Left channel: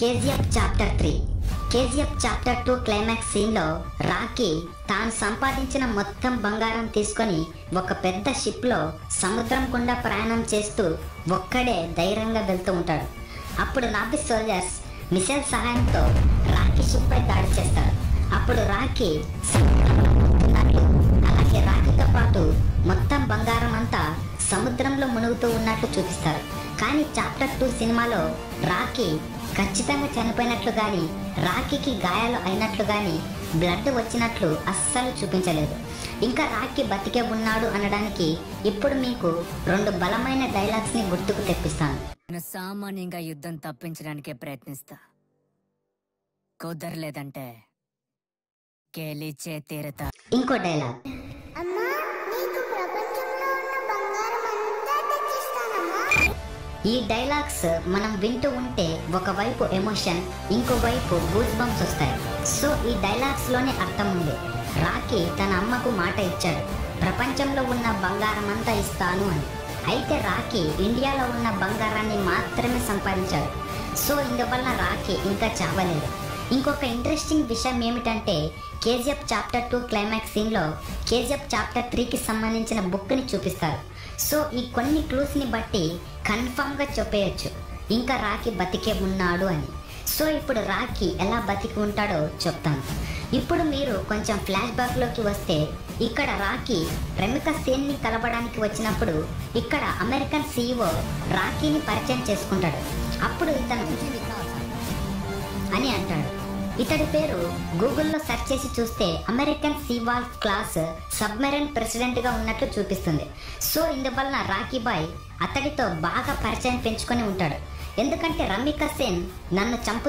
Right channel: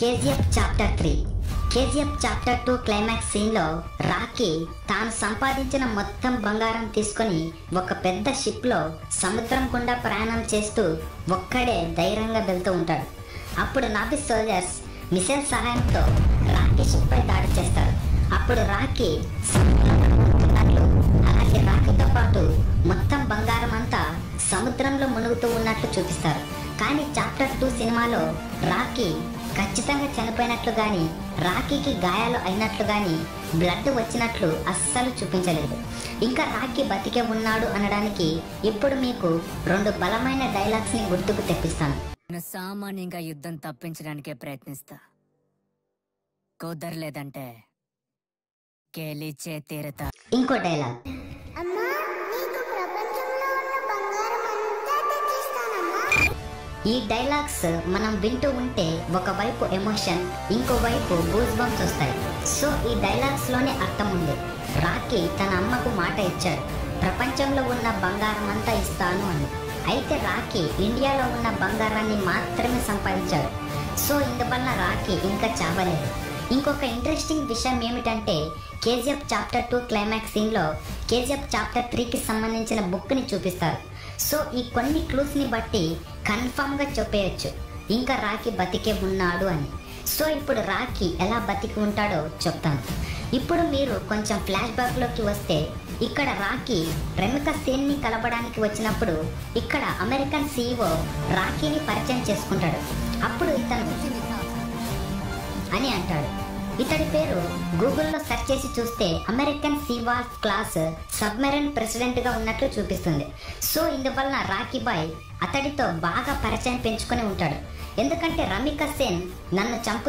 KGF chapter 3 KGF chapter 2 క్లైమాక్స్ సీన్ లో రాకీ తాను సంపాదించిన మొత్తం బంగారం తీసుకొని ఒక పెద్ద షిప్ లో సముద్రం గుండా ప్రయాణం చేస్తూ ఒక్కడే ధైర్యంగా వెళ్తూ ఉంటాడు. అప్పుడు నాపి సోల్జర్స్ మిసైల్ సహాయంతో రాకీ షిప్ పై దాడి చేస్తారు. అప్పుడు రాకీ అలాగే రాకీతో పాటు మొత్తం బంగారం అంతా సముద్రంలో మునుగుతూ ఉన్నట్టు చూపిస్తారు. కానీ చాప్టర్ 2 సినిమాలో రాకీ ఖచ్చితంగా చనిపోయినట్లు గాని, రాకీకి గాయాలు అయినట్లు గాని, బ్లడ్ వచ్చినట్లు అస్సలు చూపించలేదు. ఇంకా రాకీ బతికే ఉన్నాడు అనడానికి ఇప్పుడు మీకు 2 బలమైన డైలాగ్స్ ని గుర్తుకు తెప్పిస్తాను. సామాన్యంగా యుద్ధం తప్పించడానికే ప్రయత్నిస్తా, కుదరలేదంటే గెలిచే తీరతా. ఇంకో డైలాగ్, ఈ డైలాగ్స్ మనం వింటూ ఉంటే ఒకవైపు ఎమోషన్, ఇంకోవైపు గూస్ బంప్స్ వస్తాయి. సో ఈ డైలాగ్స్ లోనే అర్థం ఉంది. రాకీ తన అమ్మకు మాట ఇచ్చాడు, ప్రపంచంలో ఉన్న బంగారం అంతా ఇస్తాను అని. అయితే రాకీ ఇండియాలో ఉన్న బంగారాన్ని మాత్రమే సంపాదించాడు. సో ఇందువల్ల రాకీ ఇంకా చావలేదు. ఇంకొక ఇంట్రెస్టింగ్ విషయం ఏమిటంటే కేజీఎఫ్ చాప్టర్ 2 క్లైమాక్స్ సీన్ లో కేజీఎఫ్ చాప్టర్ 3 కి సంబంధించిన బుక్ ని చూపిస్తారు. సో ఈ కొన్ని క్లూస్ ని బట్టి కన్ఫర్మ్ గా చెప్పేయచ్చు ఇంకా రాకీ బతికే ఉన్నాడు అని. సో ఇప్పుడు రాకీ ఎలా బతికి ఉంటాడో చెప్తాను. ఇప్పుడు మీరు కొంచెం ఫ్లాష్ బ్యాక్ లోకి వస్తే ఇక్కడ రాకీ ప్రముఖ సేన్ ని కలపడానికి వచ్చినప్పుడు ఇక్కడ అమెరికన్ CEO రాకీని పరిచయం చేసుకుంటాడు. అప్పుడు ఇతను అని అంటాడు. ఇతడి పేరు గూగుల్లో సెర్చ్ చేసి చూస్తే అమెరికన్ సీవాల్ క్లాస్ సబ్మెరైన్ ప్రెసిడెంట్ గా ఉన్నట్లు చూపిస్తుంది. సో ఇందువల్ల రాకీ బాయ్ అతడితో బాగా పరిచయం పెంచుకొని ఉంటాడు. ఎందుకంటే రమిక సేన్ నన్ను చంపు